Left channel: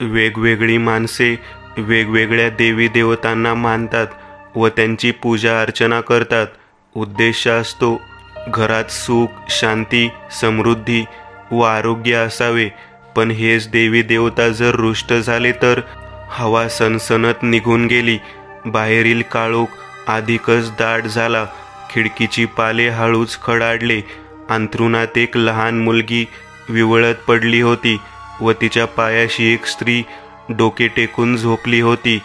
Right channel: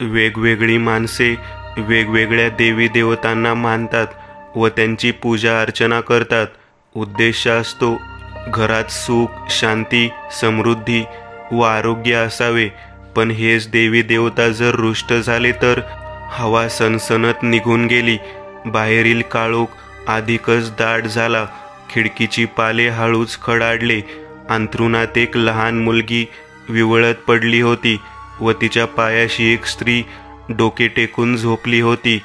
वेगवेगळी माणसे वेगवेगळ्या देवी देवतांना मानतात व त्यांची पूजा अर्चना करतात. उद्देश असतो घरात सुख, शांती, समृद्धी व आरोग्य असावे. पण हेच देवी देवता जर रुष्ट झाले तर हवा सनसनत निघून गेली. बाहेरील काळोख अधिकच दाट झाला. खिडकीची पाले हळूच खडाडले. अंथरुणात एक लहान मुलगी विवळत पडली होती व तिच्या पायाशी एक स्त्री डोके टेकून झोपली होती.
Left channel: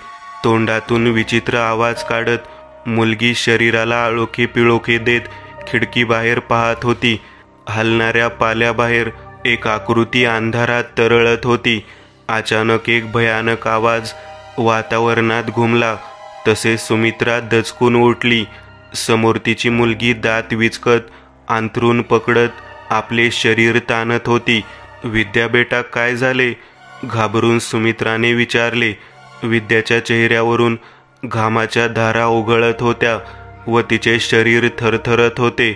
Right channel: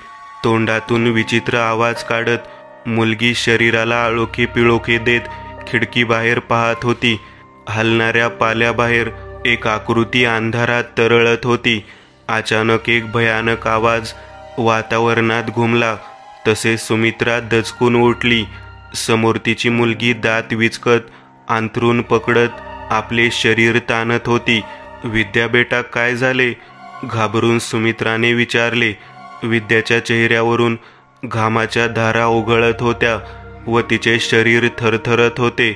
तोंडातून विचित्र आवाज काढत मुलगी शरीराला आळोखे पिळोखे देत खिडकीबाहेर पाहत होती. हलणाऱ्या पाल्याबाहेर एक आकृती अंधारात तरळत होती. अचानक एक भयानक आवाज वातावरणात घुमला. तसे सुमित्रा दचकून उठली. समोर तिची मुलगी दात विचकत अंथरूण पकडत आपले शरीर ताणत होती. विद्या बेटा, काय झाले? घाबरून सुमित्राने विचारले. विद्याच्या चेहऱ्यावरून घामाच्या धारा ओघळत होत्या व तिचे शरीर थरथरत होते.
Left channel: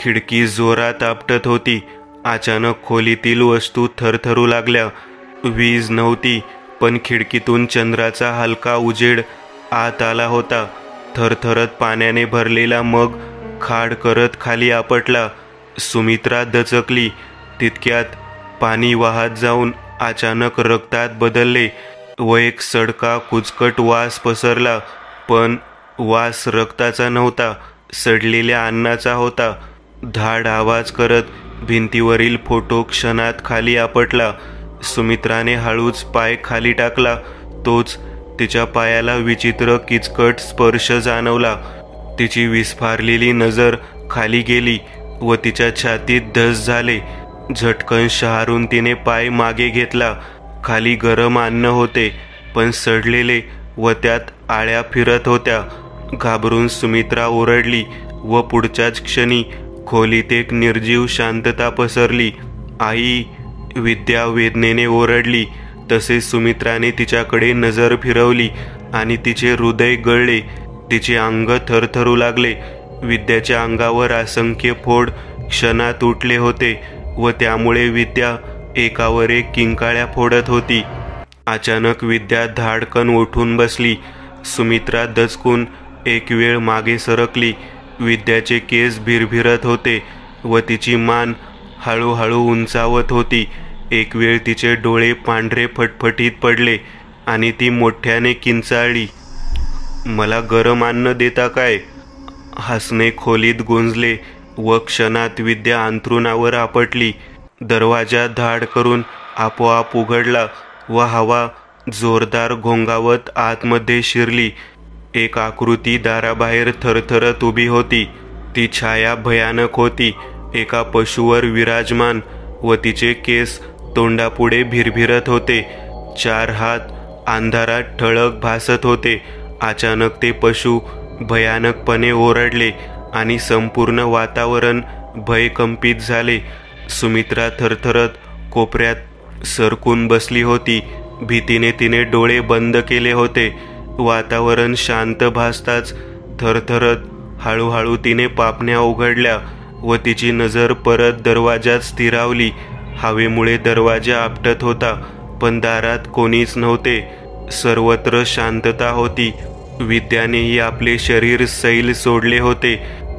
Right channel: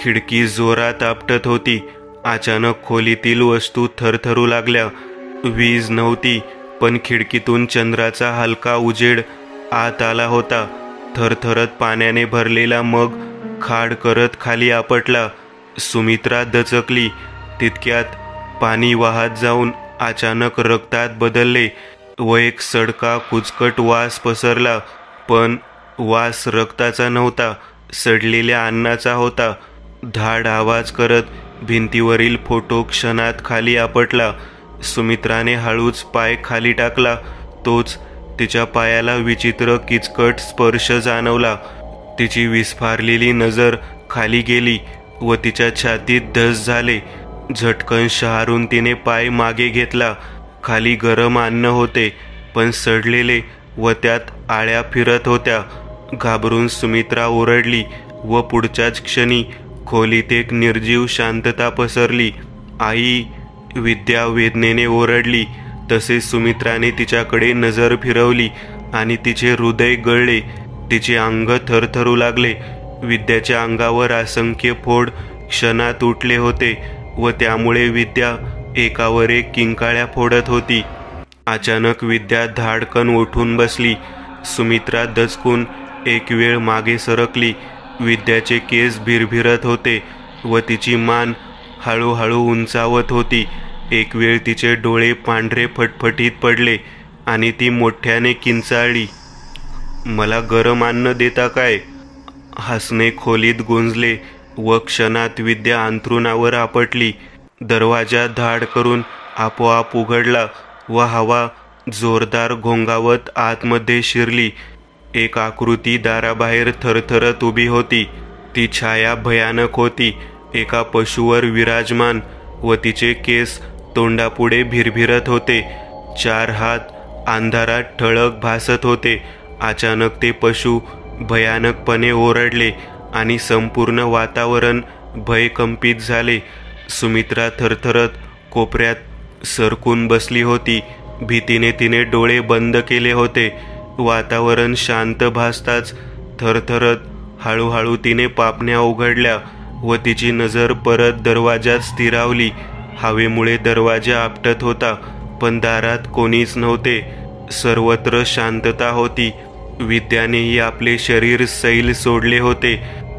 खिडकी जोरात आपटत होती. अचानक खोलीतील वस्तू थरथरू लागल्या. वीज नव्हती, पण खिडकीतून चंद्राचा हलका उजेड आत आला होता. थरथरत पाण्याने भरलेला मग खाड करत खाली आपटला. सुमित्रा दचकली. तितक्यात पाणी वाहत जाऊन अचानक रक्तात बदलले व एक सडका कुचकट वास पसरला. पण वास रक्ताचा नव्हता, सडलेल्या अन्नाचा होता. धाड आवाज करत भिंतीवरील फोटो क्षणात खाली आपटला. सुमित्राने हळूच पाय खाली टाकला. तोच तिच्या पायाला विचित्र किचकट स्पर्श जाणवला. तिची विस्फारलेली नजर खाली गेली व तिच्या छातीत धस झाले. झटकन शहारून तिने पाय मागे घेतला. खाली गरम अन्न होते, पण सडलेले व त्यात आळ्या फिरत होत्या. घाबरून सुमित्रा ओरडली व पुढच्याच क्षणी खोलीत एक निर्जीव शांतता पसरली. आई! विद्या वेदनेने ओरडली. तसे सुमित्राने तिच्याकडे नजर फिरवली आणि तिचे हृदय गळले. तिचे अंग थरथरू लागले. विद्याच्या अंगावर असंख्य फोड क्षणात उठले होते व त्यामुळे विद्या एकावर एक किंकाळ्या फोडत होती. अचानक विद्या धाडकन उठून बसली. सुमित्रा दचकून एक वेळ मागे सरकली. विद्याचे केस भिरभिरत होते व तिची मान हळूहळू उंचावत होती. एक वेळ तिचे डोळे पांढरे फटफटीत पडले आणि ती मोठ्याने किंचाळली. मला गरम अन्न देता काय? हसणे खोलीत गुंजले व क्षणात विद्या अंथरुणावर आपटली. दरवाजा धाड करून आपोआप उघडला व हवा जोरदार घोंगावत आतमध्ये शिरली. एक आकृती दाराबाहेर थरथरत उभी होती. ती छाया भयानक होती. एका पशुवर विराजमान व तिचे केस तोंडापुढे भिरभिरत होते. 4 हात अंधारात ठळक भासत होते. अचानक ते पशु भयानकपणे ओरडले आणि संपूर्ण वातावरण भयकंपित झाले. सुमित्रा थरथरत कोपऱ्यात सरकून बसली होती. भीतीने तिने डोळे बंद केले होते. वातावरण शांत भासताच थरथरत हळूहळू तिने पापण्या उघडल्या व तिची नजर परत दरवाजात स्थिरावली. हवेमुळे दरवाजा आपटत होता, पण दारात कोणीच नव्हते. सर्वत्र शांतता होती. विद्यानेही आपले शरीर सैल सोडले होते.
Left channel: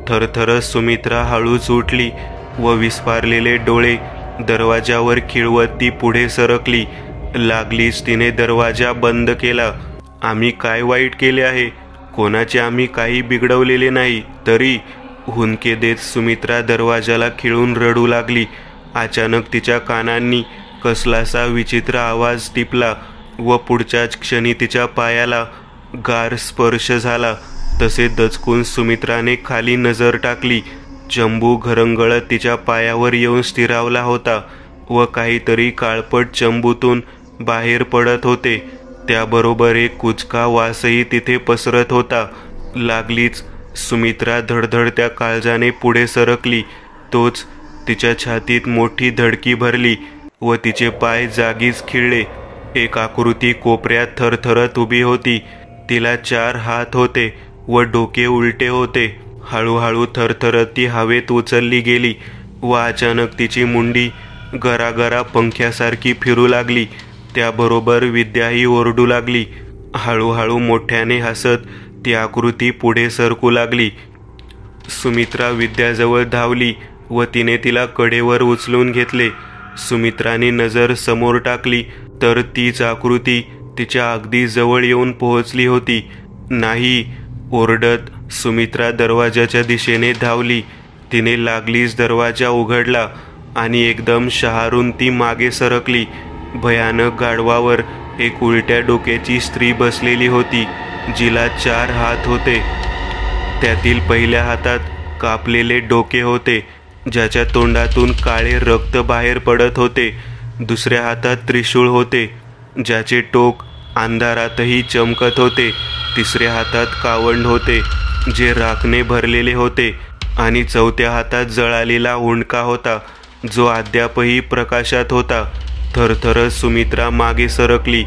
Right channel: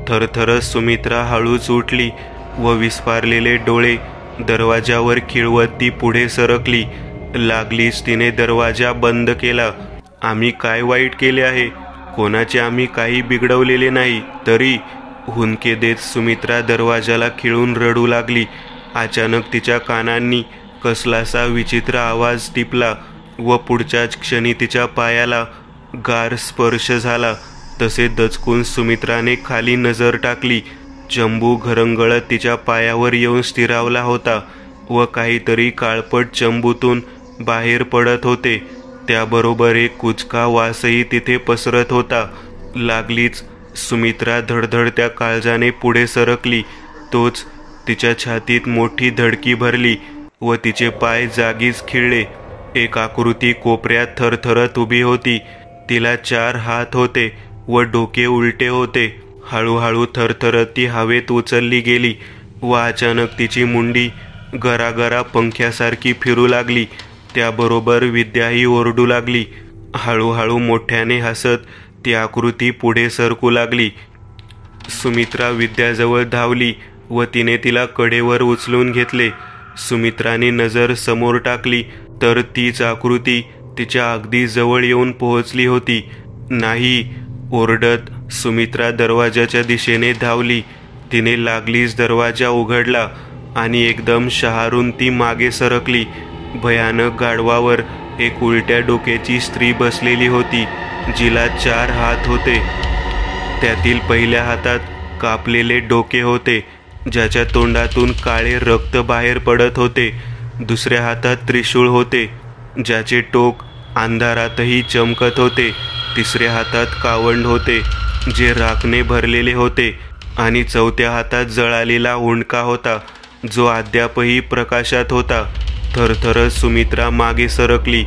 थरथरत सुमित्रा हळूच उठली व विस्फारलेले डोळे दरवाजावर खिळवत ती पुढे सरकली. लागलीच तिने दरवाजा बंद केला. आम्ही काय वाईट केले आहे? कोणाचे आम्ही काही बिघडवलेले नाही. तरी हुंदके देत सुमित्रा दरवाजाला खिळून रडू लागली. अचानक तिच्या कानांनी कसलासा विचित्र आवाज टिपला व पुढच्याच क्षणी तिच्या पायाला गार स्पर्श झाला. तसे दचकून सुमित्राने खाली नजर टाकली. चंबू घरंगळत तिच्या पायावर येऊन स्थिरावला होता व काहीतरी काळपट चंबूतून बाहेर पडत होते. त्याबरोबर एक कुचका वासही तिथे पसरत होता. लागलीच सुमित्रा धडधडत्या काळजाने पुढे सरकली. तोच तिच्या छातीत मोठी धडकी भरली व तिचे पाय जागीच खिळले. एक आकृती कोपऱ्यात थरथरत उभी होती. तिला 4 हात होते व डोके उलटे होते. हळूहळू थरथरत ती हवेत उचलली गेली व अचानक तिची मुंडी गरागरा पंख्यासारखी फिरू लागली. त्याबरोबर विद्याही ओरडू लागली. हळूहळू मोठ्याने हसत ती आकृती पुढे सरकू लागली. सुमित्रा विद्याजवळ धावली व तिने तिला कडेवर उचलून घेतले. सुमित्राने नजर समोर टाकली तर तीच आकृती तिच्या अगदी जवळ येऊन पोहोचली होती. नाही ओरडत सुमित्रा दरवाजाच्या दिशेने धावली. तिने लागलीच दरवाजा उघडला आणि एकदम शहारून ती मागे सरकली. भयानक गाढवावर एक उलट्या डोक्याची स्त्री बसलेली होती, जिला 4 हात होते. त्यातील पहिल्या हातात कापलेले डोके होते, ज्याच्या तोंडातून काळे रक्त बाहेर पडत होते. दुसऱ्या हातात त्रिशूळ होते, ज्याचे टोक अंधारातही चमकत होते. तिसऱ्या हातात कावंड होते, जे राखने भरलेले होते. आणि चौथ्या हातात जळालेला हुंडका होता, जो अद्यापही प्रकाशात होता. थरथरत सुमित्रा मागे सरकली.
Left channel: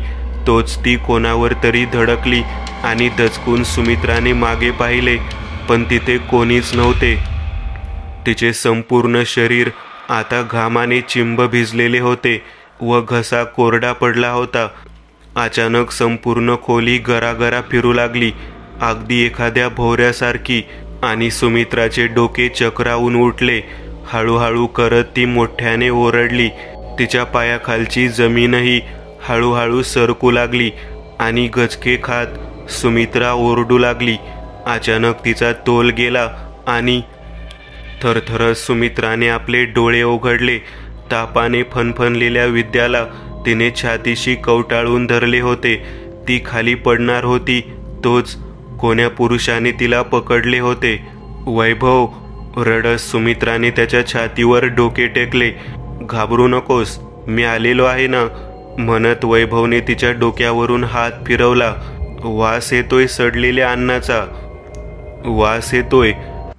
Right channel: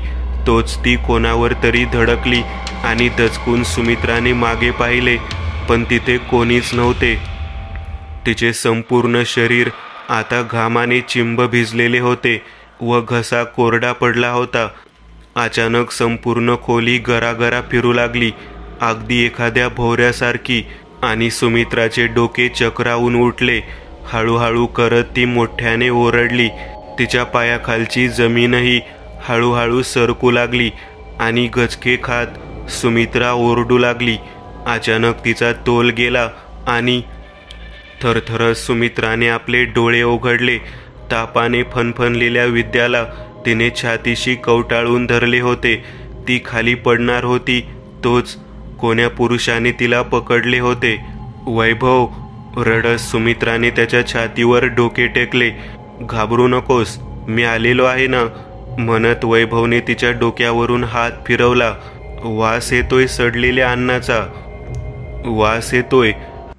तोच ती कोणावर तरी धडकली आणि दचकून सुमित्राने मागे पाहिले, पण तिथे कोणीच नव्हते. तिचे संपूर्ण शरीर आता घामाने चिंब भिजलेले होते व घसा कोरडा पडला होता. अचानक संपूर्ण खोली गरागरा फिरू लागली, अगदी एखाद्या भोवऱ्यासारखी, आणि सुमित्राचे डोके चक्रावून उठले. हळूहळू करत ती मोठ्याने ओरडली. तिच्या पायाखालची जमीनही हळूहळू सरकू लागली आणि गचके खात सुमित्रा ओरडू लागली. अचानक तिचा तोल गेला आणि थरथरत सुमित्राने आपले डोळे उघडले. तापाने फणफणलेल्या विद्याला तिने छातीशी कवटाळून धरले होते. ती खाली पडणार होती, तोच कोण्या पुरुषाने तिला पकडले होते. वैभव, रडत सुमित्राने त्याच्या छातीवर डोके टेकले. घाबरू नकोस, मी आलेलो आहे ना, म्हणत वैभवने तिच्या डोक्यावरून हात फिरवला. वास येतोय सडलेल्या अन्नाचा, वास येतोय.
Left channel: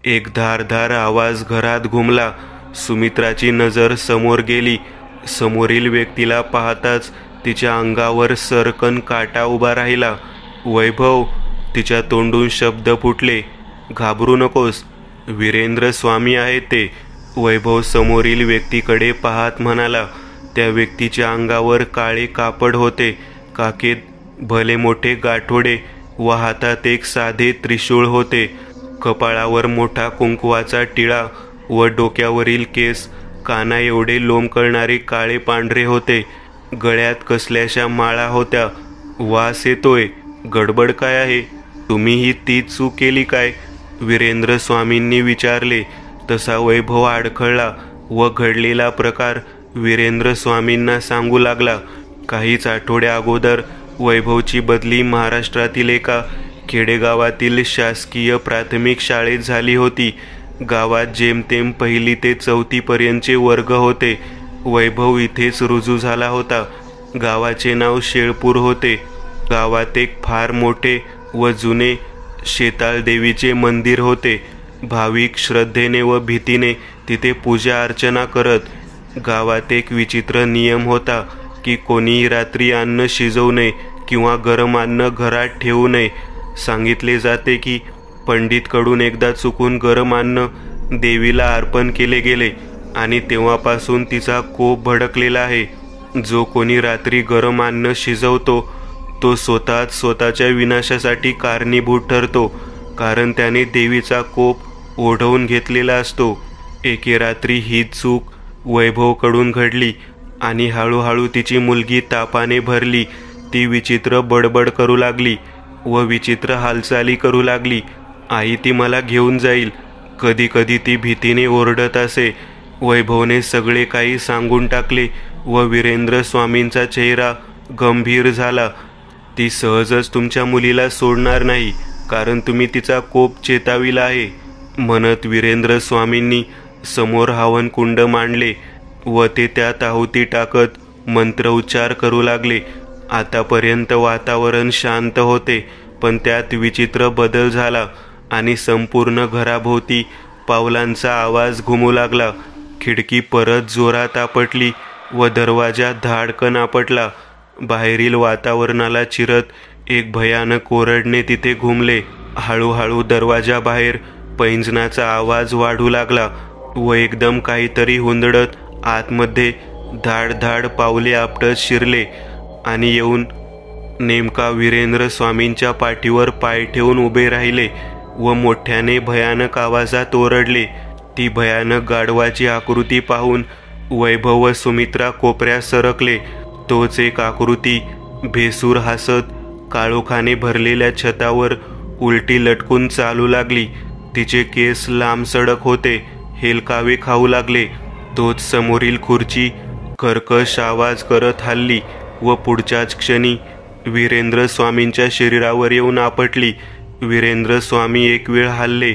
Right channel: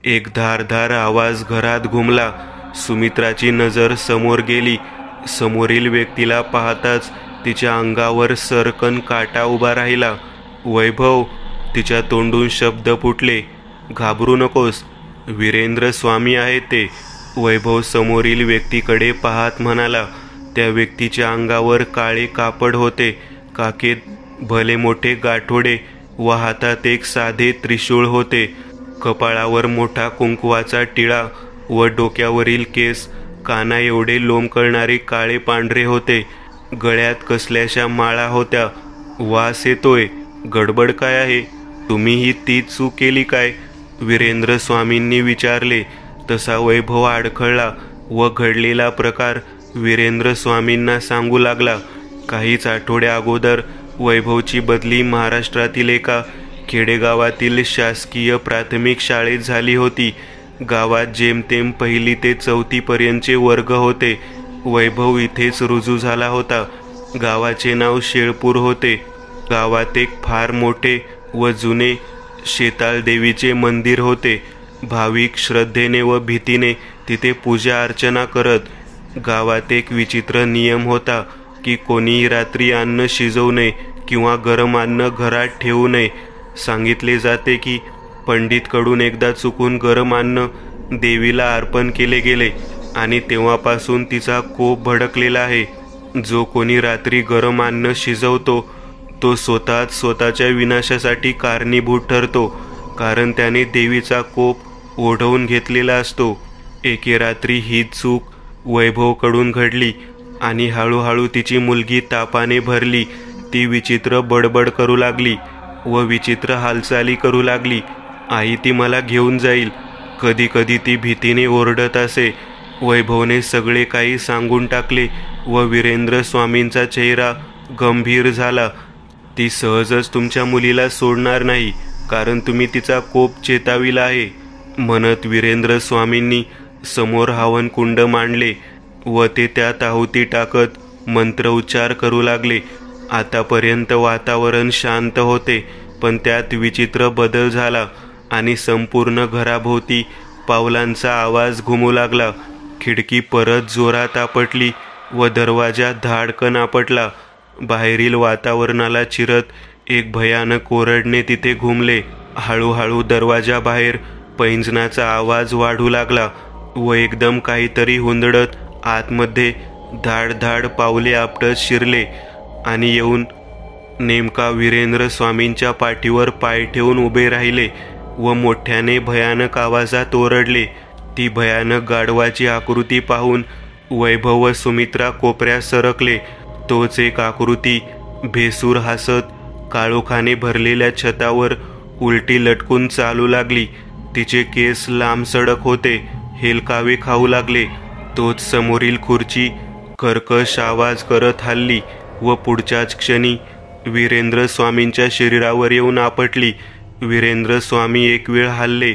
एक धारधार आवाज घरात घुमला. सुमित्राची नजर समोर गेली. समोरील व्यक्तीला पाहताच तिच्या अंगावर सरकन काटा उभा राहिला. वैभव, तिच्या तोंडून शब्द फुटले. घाबरू नकोस, वीरेंद्र स्वामी आहे ते. वैभव समोरील व्यक्तीकडे पाहत म्हणाला. त्या व्यक्तीच्या अंगावर काळे कापड होते, काखेत भले मोठे गाठोडे व हातात एक साधे त्रिशूळ होते. कपाळावर मोठा कुंकवाचा टिळा व डोक्यावरील केस काना एवढे लोंबकळणारे काळे पांढरे होते. गळ्यात कसल्याशा माळा होत्या. वास येतोय, गडबड काय आहे? तुम्हीही तीच चूक केली काय? वीरेंद्र स्वामींनी विचारले. तसा वैभव अडखळला व घडलेला प्रकार वीरेंद्र स्वामींना सांगू लागला. काहीच आठवड्या अगोदर वैभवची बदली महाराष्ट्रातील एका खेडेगावातील शासकीय प्राथमिक शाळेत झाली होती. गावात जेमतेम 1ली ते 4थी पर्यंतचे वर्ग होते. वैभव इथेच रुजू झाला होता. गावाचे नाव शेळपूर होते. गावात एक फार मोठे व जुने शेताळ देवीचे मंदिर होते. भाविक श्रद्धेने व भीतीने तिथे पूजा अर्चना करत. गावात एक विचित्र नियम होता की कोणीही रात्री अन्न शिजवू नये किंवा गरम अन्न घरात ठेवू नये. सांगितले जाते की पंडितकडून एकदा चुकून गरम अन्न देवीला अर्पण केले गेले आणि तेव्हापासून तिचा कोप भडकलेला आहे. जो कोणी रात्री गरम अन्न शिजवतो तो स्वतःच्या विनाशासाठी कारणीभूत ठरतो, कारण त्याने देवीचा कोप ओढवून घेतलेला असतो. एके रात्री ही चूक वैभवकडून घडली आणि हळूहळू तिची मुलगी तापाने भरली. ती विचित्र बडबड करू लागली व विचित्र हालचाली करू लागली. आई ती मला घेऊन जाईल. कधी कधी ती भीतीने ओरडत असे. वैभवने सगळे काही सांगून टाकले व वीरेंद्र स्वामींचा चेहरा गंभीर झाला. ती सहजच तुमच्या मुलीला सोडणार नाही, कारण तुम्ही तिचा कोप चेताविला आहे, म्हणत वीरेंद्र स्वामींनी समोर हवन कुंड मांडले व ते त्यात आहुती टाकत मंत्रोच्चार करू लागले. आतापर्यंत वातावरण शांत होते, पण त्यात विचित्र बदल झाला आणि संपूर्ण घराभोवती पावलांचा आवाज घुमू लागला. खिडकी परत जोरात आपटली व दरवाजा धाडकन आपटला. बाहेरील वातावरणाला चिरत एक भयानक ओरडणे तिथे घुमले. हळूहळू दरवाजा बाहेर पैंजनाचा आवाज वाढू लागला व एकदम काहीतरी हुंदडत आतमध्ये धाड धाड पावले आपटत शिरले. आणि येऊन नेमका वीरेंद्र स्वामींच्या पाठीवर पाय ठेवून उभे राहिले व मोठ्याने भयानक आवाजात ओरडले. ती भयानक गाढवाची आकृती पाहून वैभव व सुमित्रा कोपऱ्यात सरकले. तोच एक आकृती भेसूर हसत काळोखाने भरलेल्या छतावर उलटी लटकून चालू लागली. तिचे केस लांब सडक होते, हेलकावे खाऊ लागले. तोच समोरील खुर्ची कर्कश आवाज करत हलली व पुढच्याच क्षणी वीरेंद्र स्वामींच्या शरीरावर येऊन आपटली. वीरेंद्र स्वामी एक वेळ हलले,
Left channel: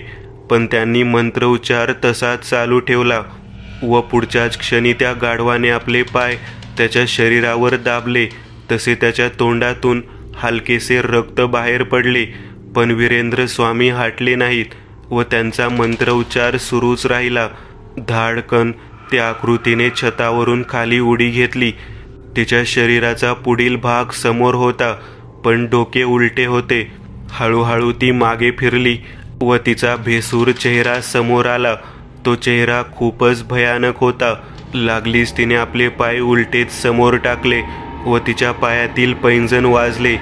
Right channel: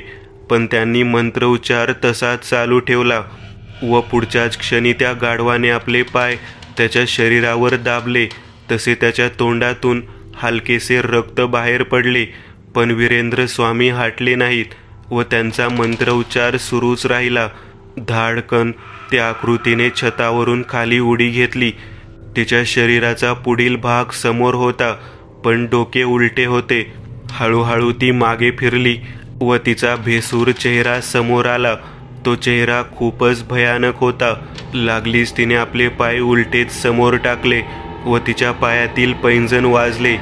पण त्यांनी मंत्रोच्चार तसाच चालू ठेवला व पुढच्याच क्षणी त्या गाढवाने आपले पाय त्याच्या शरीरावर दाबले. तसे त्याच्या तोंडातून हलकेसे रक्त बाहेर पडले, पण वीरेंद्र स्वामी हटले नाहीत व त्यांचा मंत्रोच्चार सुरूच राहिला. धाडकन त्या आकृतीने छतावरून खाली उडी घेतली. तिच्या शरीराचा पुढील भाग समोर होता, पण डोके उलटे होते. हळूहळू ती मागे फिरली व तिचा भेसूर चेहरा समोर आला. तो चेहरा खूपच भयानक होता. लागलीच तिने आपले पाय उलटेच समोर टाकले व तिच्या पायातील पैंजण वाजले.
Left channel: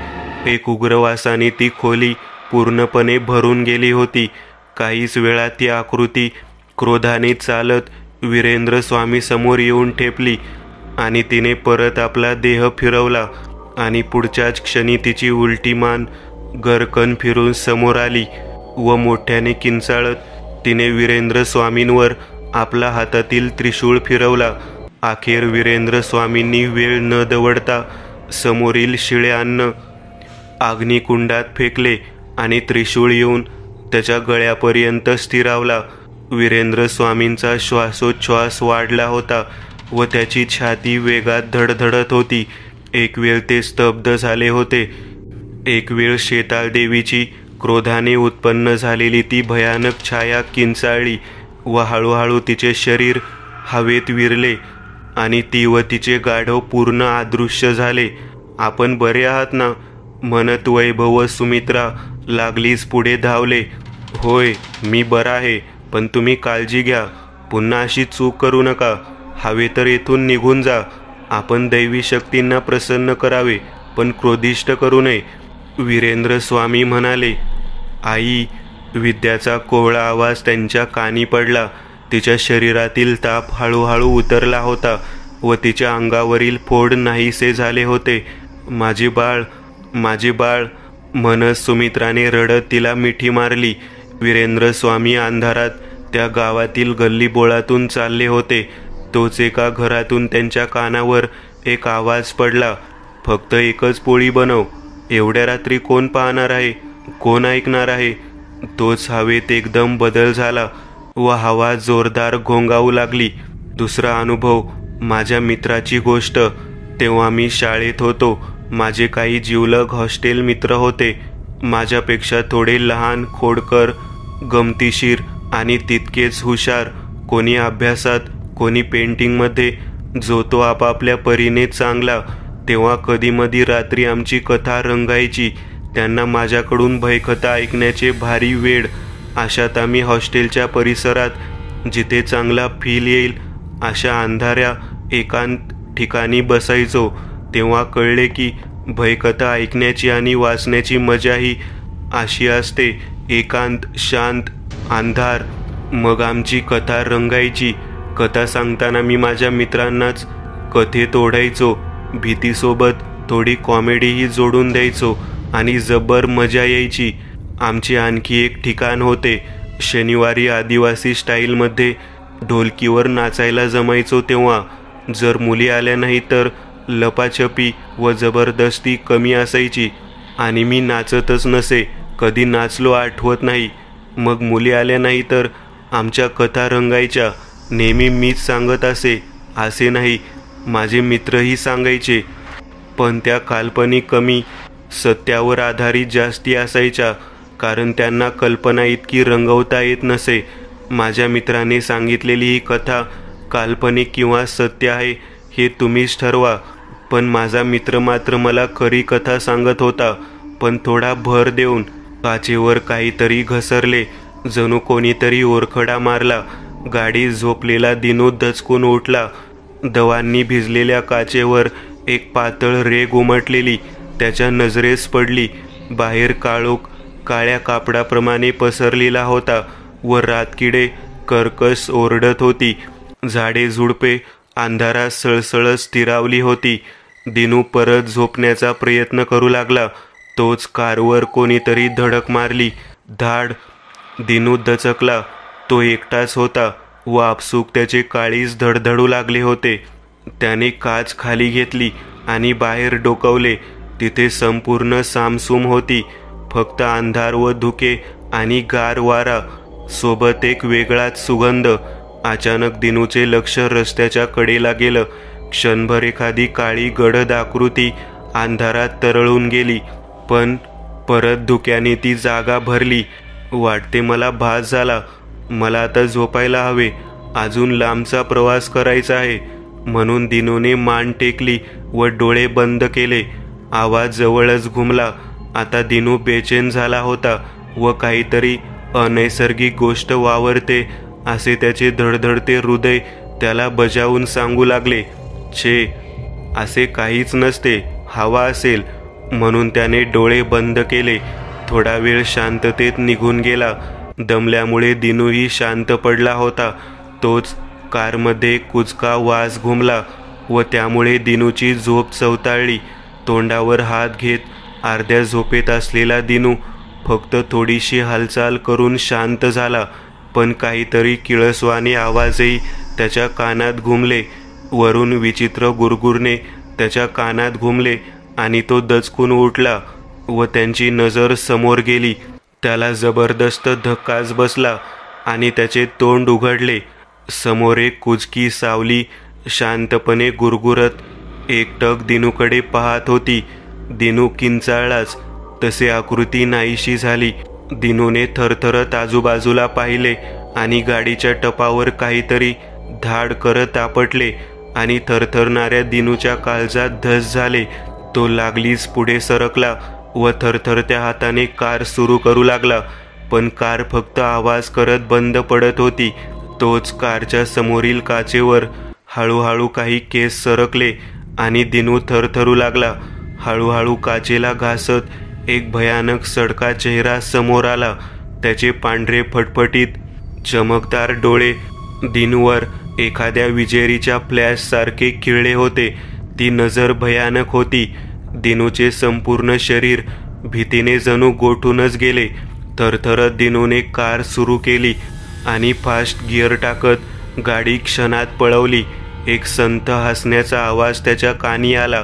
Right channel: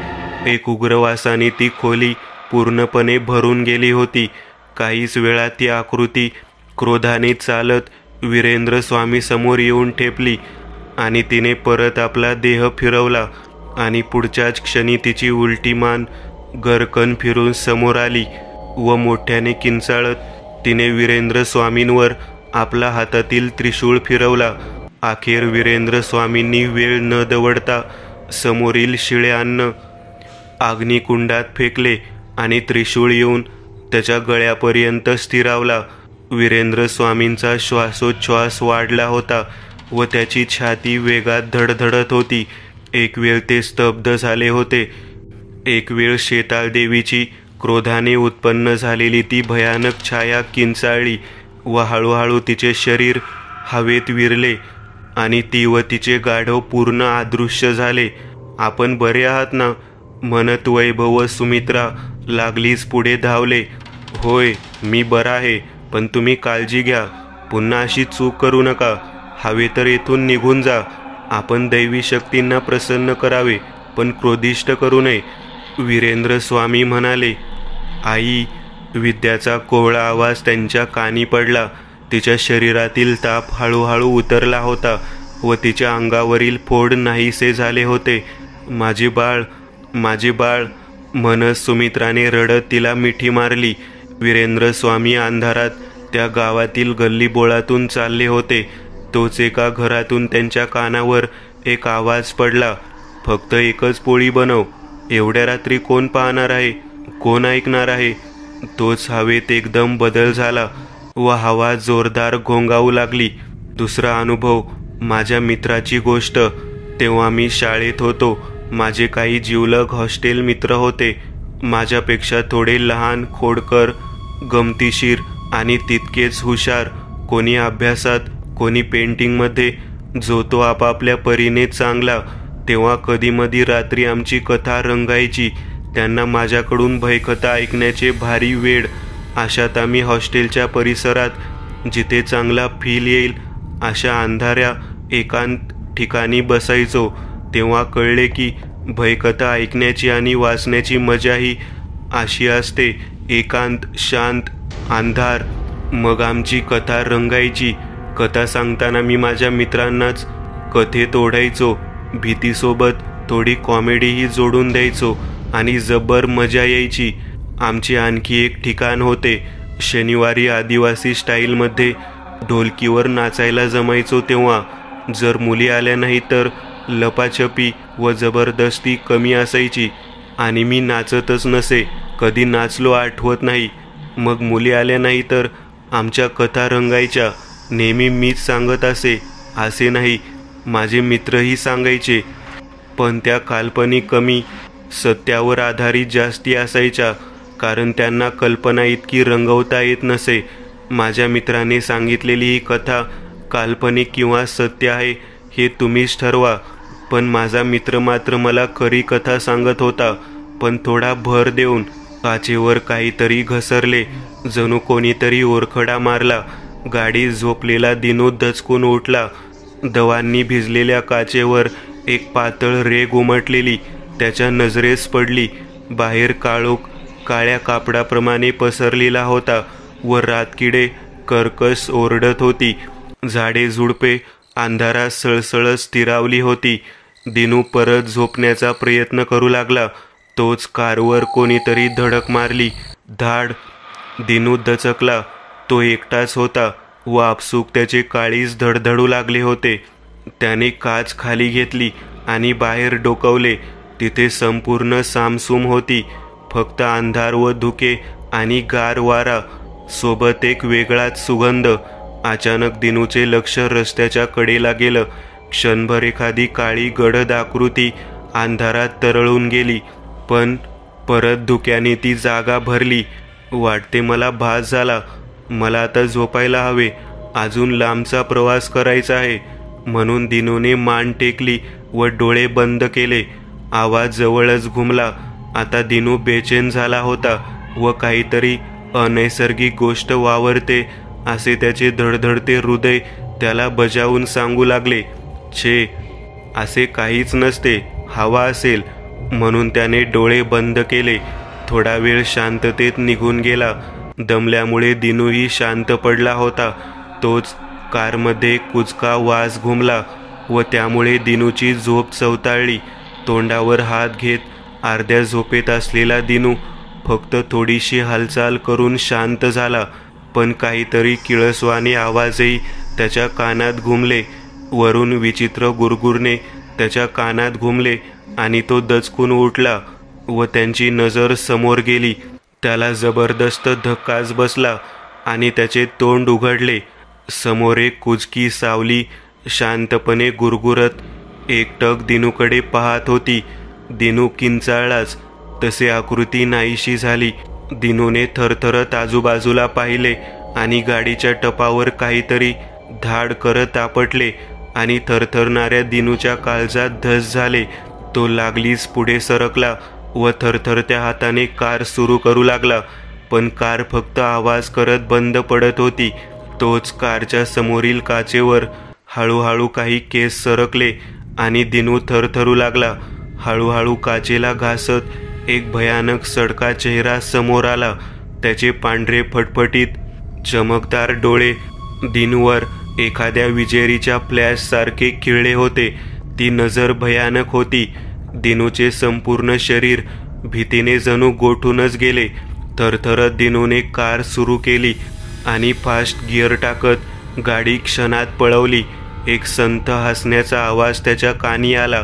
एक उग्रवासाने ती खोली पूर्णपणे भरून गेली होती. काहीच वेळात ती आकृती क्रोधाने चालत वीरेंद्र स्वामी समोर येऊन ठेपली आणि तिने परत आपला देह फिरवला आणि पुढच्याच क्षणी तिची उलटी मान गरकन फिरून समोर आली व मोठ्याने किंचाळत तिने वीरेंद्र स्वामींवर आपला हातातील त्रिशूळ फिरवला. अखेर वीरेंद्र स्वामींनी वेळ न दवडता समोरील शिळे अन्न अग्निकुंडात फेकले आणि त्रिशूळ येऊन त्याच्या गळ्यापर्यंत स्थिरावला. वीरेंद्र स्वामींचा श्वासोच्छ्वास वाढला होता व त्याची छाती वेगात धडधडत होती. एक वेळ ते स्तब्ध झाले होते. एक वेळ शेताळ देवीची क्रोधाने उत्पन्न झालेली ती भयानक छाया किंचाळली व हळूहळू तिचे शरीर हवेत विरले आणि ती व तिचे गाढव पूर्ण अदृश्य झाले. आपण बरे आहात ना, म्हणत वैभव व सुमित्रा लागलीच पुढे धावले. होय, मी बरा आहे, पण तुम्ही काळजी घ्या. पुन्हा अशी चूक करू नका. हवे तर येथून निघून जा. आपण दैवी शक्तींना प्रसन्न करावे, पण क्रोधिष्ट करू नये. वीरेंद्र स्वामी म्हणाले. आई, विद्याचा कोवळा आवाज त्यांच्या कानी पडला. तिच्या शरीरातील ताप हळूहळू उतरला होता व तिच्या अंगावरील फोड नाहीसे झाले होते. माझे बाळ, माझे बाळ, म्हणत सुमित्राने रडत तिला मिठी मारली. वीरेंद्र स्वामी अंधारात त्या गावातील गल्लीबोळातून चालले होते. तोच एका घरातून त्यांच्या कानावर एक आवाज पडला. फक्त एकच पोळी बनव. एवढ्या रात्री कोण पाहणार आहे, कोण ऐकणार आहे? तोच हवेत एकदम बदल झाला व हवा जोरदार घोंगावू लागली. दुसरा अनुभव, माझ्या मित्राची गोष्ट. तेव्हा मी शाळेत होतो. माझे काही जिवलग हॉस्टेल मित्र होते. माझ्यापेक्षा थोडे लहान, खोडकर, गमतीशीर आणि तितकेच हुशार. कोणी अभ्यासात, कोणी पेंटिंगमध्ये, जो तो आपापल्या परीने चांगला. तेव्हा कधीमधी रात्री आमची कथा रंगायची. त्यांना माझ्याकडून भयकथा ऐकण्याचे भारी वेड. अशात आम्ही हॉस्टेलच्या परिसरात जिथे चांगला फील येईल अशा अंधाऱ्या एकांत ठिकाणी बसायचो. तेव्हा कळले की भयकथा ऐकण्याची आणि वाचण्याची मजाही अशी असते. एकांत, शांत, अंधार. मग आमची कथा रंगायची. कथा सांगताना मी माझ्या मित्रांनाच कथेत ओढायचो. भीतीसोबत थोडी कॉमेडीही जोडून द्यायचो आणि जबर मजा यायची. आमचे आणखी एक ठिकाण होते. शनिवारी आदिवासी स्टाईलमध्ये ढोलकीवर नाचायला जमायचो. तेव्हा जर मुली आल्या नाही तर लपाछपी व जबरदस्ती कमी असायची आणि मी नाचतच नसे. कधी नाचलो आठवत नाही. मग मुली आल्या नाही तर आमच्या कथा रंगायच्या. नेहमी मीच सांगत असे नाही, माझे मित्रही सांगायचे, पण त्या काल्पनिक कमी, सत्यावर आधारित जास्ती असायच्या, कारण त्यांना कल्पना इतकी रंगवता येत नसे. माझ्या मित्राने सांगितलेली ही कथा काल्पनिक किंवा सत्य आहे हे तुम्हीच ठरवा. पण माझा मित्र मात्र मला खरी कथा सांगत होता, पण थोडा भर देऊन. काचेवर काहीतरी घसरले, जणू कोणीतरी ओरखडा मारला. गाडी झोपलेला दिनू दचकून उठला. दवांनी भिजलेल्या काचेवर एक पातळ रेघ उमटलेली त्याच्या नजरेस पडली. बाहेर काळोख काळ्या कापडाप्रमाणे पसरलेला होता व रातकिडे कर्कश ओरडत होती. झाडे झुडपे अंधारात सळसळत स्थिरावली होती. दिनू परत झोपण्याचा प्रयत्न करू लागला. तोच कारवर कोणीतरी धडक मारली. धाड. दिनू दचकला. तो एकटाच होता व आपसूक त्याचे काळीज धडधडू लागले होते. त्याने काच खाली घेतली आणि बाहेर डोकावले. तिथे संपूर्ण सामसूम होती. फक्त अंधार व धुके आणि गार वारा, सोबत एक वेगळाच सुगंध. अचानक दिनूचे लक्ष रस्त्याच्या कडेला गेलं. क्षणभर एखादी काळी गडद आकृती अंधारात तरळून गेली, पण परत धुक्याने ती जागा भरली. वाटते मला भास झाला. मला आता झोपायला हवे. अजून लांबचा प्रवास करायचा आहे. म्हणून दिनूने मान टेकली व डोळे बंद केले. आवाज जवळच घुमला. आता दिनू बेचैन झाला होता व काहीतरी अनैसर्गिक गोष्ट वावरते असे त्याचे धडधडते हृदय त्याला बजावून सांगू लागले. छे, असे काहीच नसते. हवा असेल. म्हणून त्याने डोळे बंद केले. थोडा वेळ शांततेत निघून गेला. दमल्यामुळे दिनूही शांत पडला होता. तोच कारमध्ये कुचका वास घुमला व त्यामुळे दिनूची झोप चवताळली. तोंडावर हात घेत अर्ध्या झोपेत असलेला दिनू फक्त थोडीशी हालचाल करून शांत झाला. पण काहीतरी किळसवाणे आवाजही त्याच्या कानात घुमले. वरून विचित्र गुरगुरणे त्याच्या कानात घुमले आणि तो दचकून उठला व त्यांची नजर समोर गेली. त्याला जबरदस्त धक्काच बसला आणि त्याचे तोंड उघडले. समोर एक कुचकी सावली शांतपणे गुरगुरत एकटक दिनूकडे पाहत होती. दिनू किंचाळलाच. तसे आकृती नाहीशी झाली. दिनूने थरथरत आजूबाजूला पाहिले आणि गाडीच्या टपावर काहीतरी धाड करत आपटले आणि थरथरणाऱ्या दिनूच्या काळजात धस झाले. तो लागलीच पुढे सरकला व थरथरत्या हाताने कार सुरू करू लागला. पण कार फक्त आवाज करत बंद पडत होती. तोच कारच्या समोरील काचेवर हळूहळू काही केस सरकले आणि दिनू थरथरू लागला. हळूहळू काचेला घासत एक भयानक सडका चेहरा समोर आला. त्याचे पांढरे फटफटीत चमकदार डोळे दिनूवर एखाद्या विजेरीच्या फ्लॅश सारखे खिळले होते. ती नजर भयानक होती. दिनूचे संपूर्ण शरीर भीतीने जणू गोठूनच गेले. थरथरत दिनूने कार सुरू केली आणि फास्ट गिअर टाकत गाडी क्षणात पळवली. एक संथ हसण्याचा आवाज त्याच्या कानी आला,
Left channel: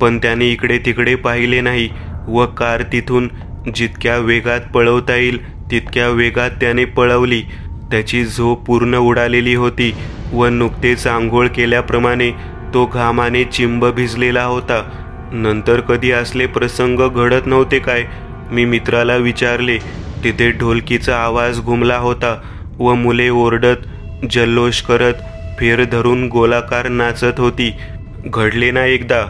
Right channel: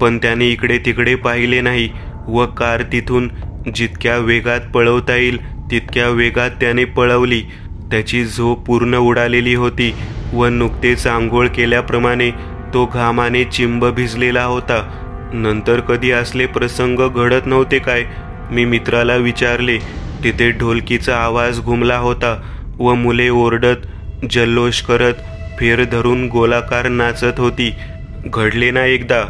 पण त्याने इकडे तिकडे पाहिले नाही व कार तिथून जितक्या वेगात पळवता येईल तितक्या वेगात त्याने पळवली. त्याची झोप पूर्ण उडालेली होती व नुकतेच आंघोळ केल्याप्रमाणे तो घामाने चिंब भिजलेला होता. नंतर कधी असले प्रसंग घडत नव्हते काय? मी मित्राला विचारले. तिथे ढोलकीचा आवाज घुमला होता व मुले ओरडत जल्लोष करत फेर धरून गोलाकार नाचत होती. घडले ना एकदा?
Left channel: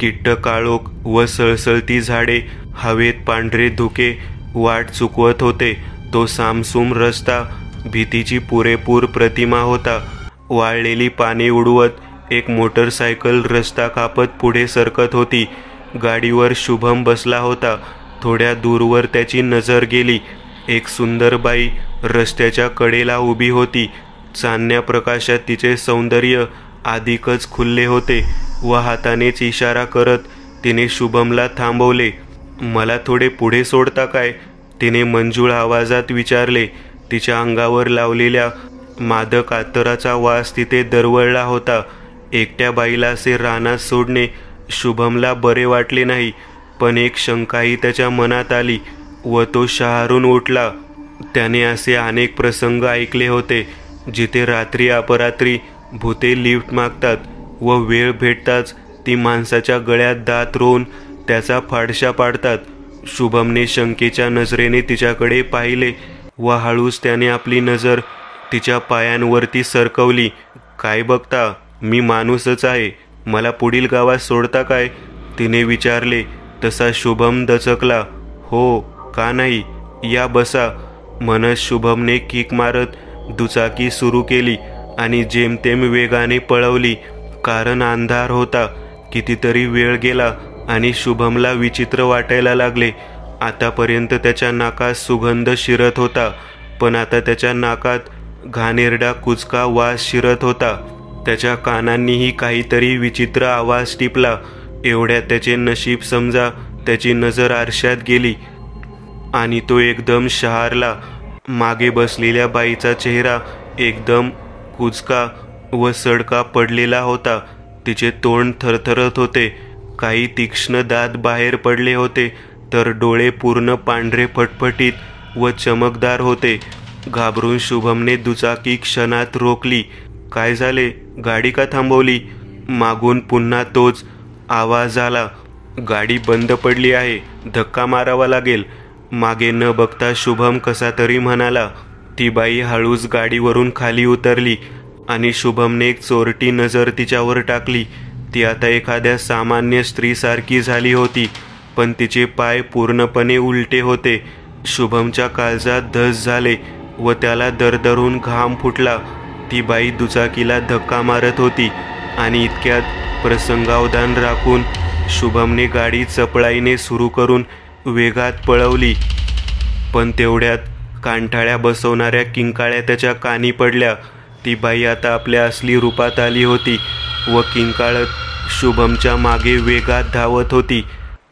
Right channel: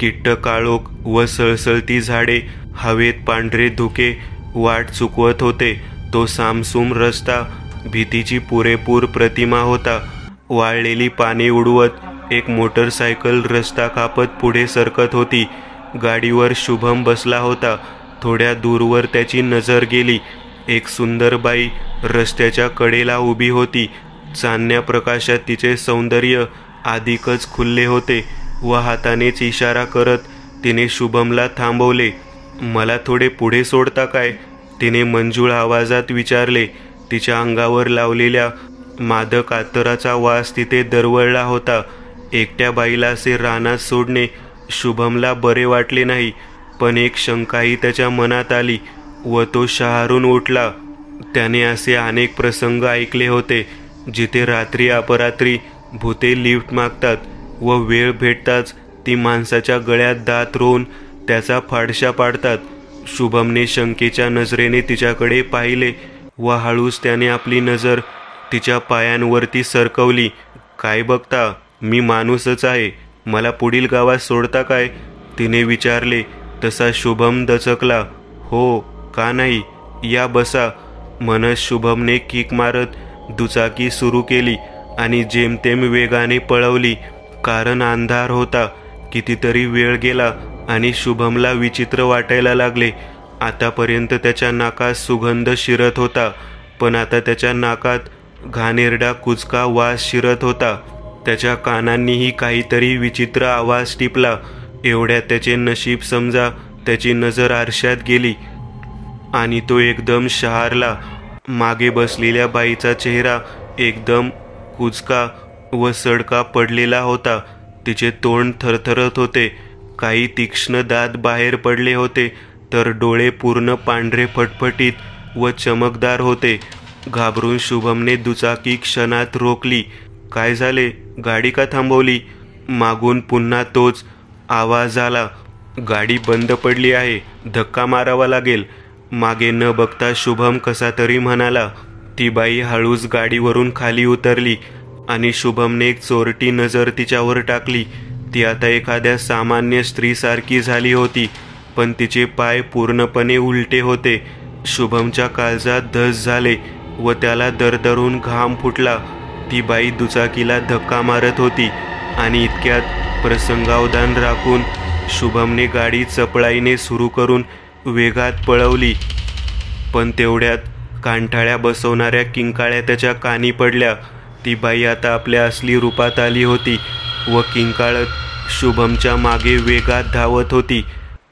किट्ट काळोख व सळसळती झाडे, हवेत पांढरे धुके वाट चुकवत होते. तो सामसूम रस्ता भीतीची पुरेपूर प्रतिमा होता. वाळलेली पाने उडवत एक मोटरसायकल रस्ता कापत पुढे सरकत होती. गाडीवर शुभम बसला होता. थोड्या दूरवर त्याची नजर गेली. एक सुंदर बाई रस्त्याच्या कडेला उभी होती. चांदण्या प्रकाशात तिचे सौंदर्य अधिकच खुलले होते व हातानेच इशारा करत तिने शुभमला थांबवले. मला थोडे पुढे सोडता काय? तिने मंजूळ आवाजात विचारले. तिच्या अंगावर लावलेल्या मादक अत्तराचा वास तिथे दरवळला होता. एकट्या बाईला असे रानात सोडणे शुभमला बरे वाटले नाही, पण एक शंकाही त्याच्या मनात आली व तो शहारून उठला. त्याने असे अनेक प्रसंग ऐकले होते जिथे रात्री अपरात्री भूते लिफ्ट मागतात व वेळ भेटताच ती माणसाच्या गळ्यात दात रोवून त्याचा फाडशा पाडतात. शुभमने शंकेच्या नजरेने तिच्याकडे पाहिले व हळूच त्याने आपली नजर तिच्या पायांवरती सरकवली. काय बघता? मी माणूसच आहे. मला पुढील गावात सोडता काय? तिने विचारले. तसा शुभम दचकला. हो, का नाही, या बसा म्हणत शुभमने किक मारत दुचाकी सुरू केली आणि जेमतेम वेगाने पळवली. कारण अंधार होता. कितीतरी वेळ गेला आणि शुभमला विचित्र वाटायला लागले. आतापर्यंत त्याच्या नाकात सुगंध शिरत होता, पण आता त्याच्या नाकात घाणेरडा कुचका वास शिरत होता. त्याच्या कानांनीही काहीतरी विचित्र आवाज टिपला. एवढ्यात त्याचे नशीब समजा त्याची नजर आरशात गेली आणि तो एकदम शहारला. मागे बसलेल्या बाईचा चेहरा एकदम कुचका व सडका पडलेला होता. तिचे तोंड थरथरत होते, काही तीक्ष्ण दात बाहेर पडले होते, तर डोळे पूर्ण पांढरे फटफटीत व चमकदार होते. घाबरून शुभमने दुचाकी क्षणात रोखली. काय झाले, गाडी का थांबवली? मागून पुन्हा तोच आवाज आला. गाडी बंद पडली आहे, धक्का मारावा लागेल. मागे न बघता शुभम कसा तरी म्हणाला. ती बाई हळूच गाडीवरून खाली उतरली आणि शुभमने एक चोरटी नजर तिच्यावर टाकली. ती आता एखाद्या सामान्य स्त्रीसारखी झाली होती, पण तिचे पाय पूर्णपणे उलटे होते. शुभमच्या काळजात धस झाले व त्याला दरदरून घाम फुटला. ती बाई दुचाकीला धक्का मारत होती आणि इतक्यात प्रसंगावधान राखून शुभमने गाडी चपळाईने सुरू करून वेगात पळवली. पण तेवढ्यात कांठाळ्या बसवणाऱ्या किंकाळ्या त्याच्या कानी पडल्या. ती बाई आता आपल्या असली रूपात आली होती व किंकाळत शुभमच्या मागे वेगात धावत होती.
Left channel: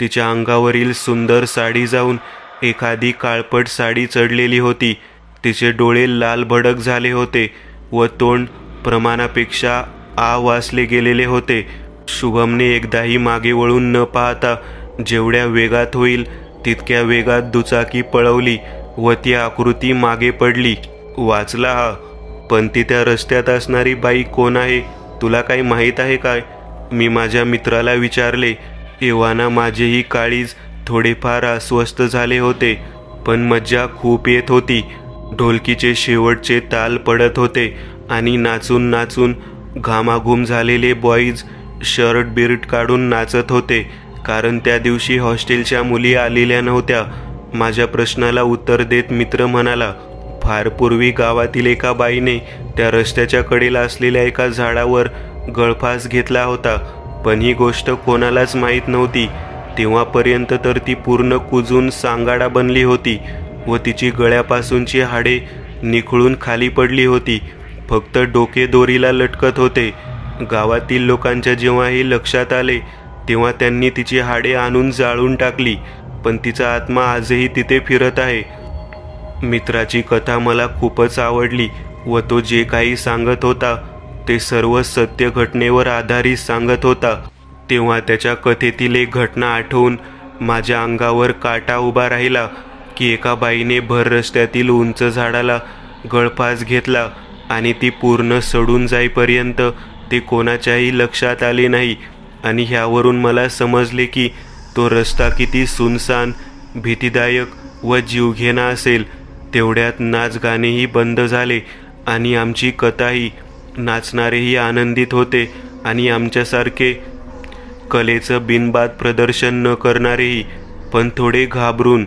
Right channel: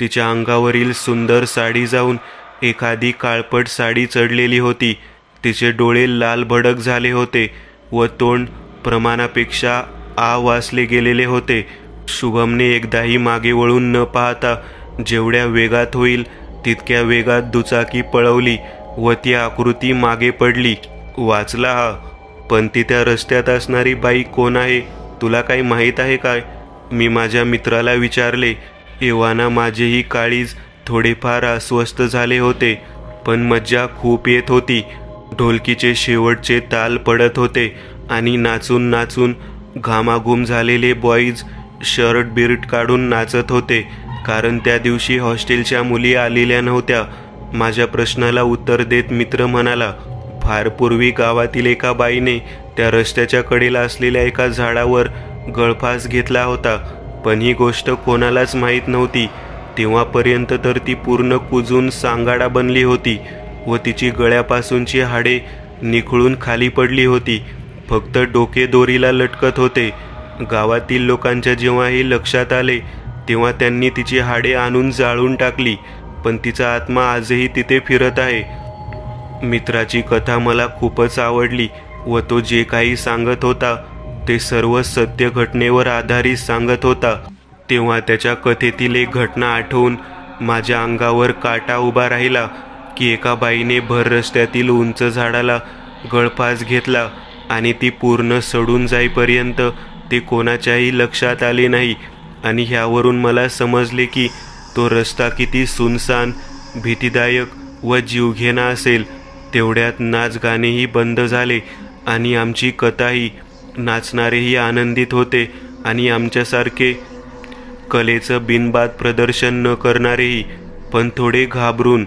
तिच्या अंगावरील सुंदर साडी जाऊन एखादी काळपट साडी चढलेली होती. तिचे डोळे लाल भडक झाले होते व तोंड प्रमाणापेक्षा वासले गेलेले होते. शुभमने एकदाही मागे वळून न पाहता जेवढ्या वेगात होईल तितक्या वेगात दुचाकी पळवली व ती आकृती मागे पडली. वाचला हा. पण ती त्या रस्त्यात असणारी बाई कोण आहे, तुला काही माहीत आहे काय? मी माझ्या मित्राला विचारले. एव्हाना माझेही काळीज थोडेफार अस्वस्थ झाले होते, पण मज्जा खूप येत होती. ढोलकीचे शेवटचे ताल पडत होते आणि नाचून नाचून घामाघूम झालेले बॉईज शर्ट बिर्ट काढून नाचत होते, कारण त्या दिवशी हॉस्टेलच्या मुली आलेल्या नव्हत्या. माझ्या प्रश्नाला उत्तर देत मित्र म्हणाला, फार पूर्वी गावातील एका बाईने त्या रस्त्याच्या कडेला असलेल्या एका झाडावर गळफास घेतला होता, पण ही गोष्ट कोणालाच माहीत नव्हती. तेव्हापर्यंत तर ती पूर्ण कुजून सांगाडा बनली होती व तिची गळ्यापासूनची हाडे निखळून खाली पडली होती. फक्त डोके दोरीला लटकत होते. गावातील लोकांच्या जेव्हा हे लक्षात आले तेव्हा त्यांनी तिची हाडे आणून जाळून टाकली, पण तिचा आत्मा आजही तिथे फिरत आहे. मित्राची कथा मला खूपच आवडली व तो जे काही सांगत होता ते सर्व सत्य घटनेवर आधारित सांगत होता. तेव्हा त्याच्या कथेतील एक घटना आठवून माझ्या अंगावर काटा उभा राहिला की एका बाईने भर रस्त्यातील उंच झाडाला गळफास घेतला आणि ती पूर्ण सडून जाईपर्यंत ते कोणाच्याही लक्षात आले नाही. आणि ह्यावरून मला समजले की तो रस्ता किती सुनसान, भीतीदायक व जीवघेणा असेल. तेवढ्यात नाच गाणेही बंद झाले आणि आमची कथाही. नाचणारेही आनंदित होते आणि आमच्यासारखे कलेचं बिनबाद प्रदर्शन न करणारेही, पण थोडे घाबरून.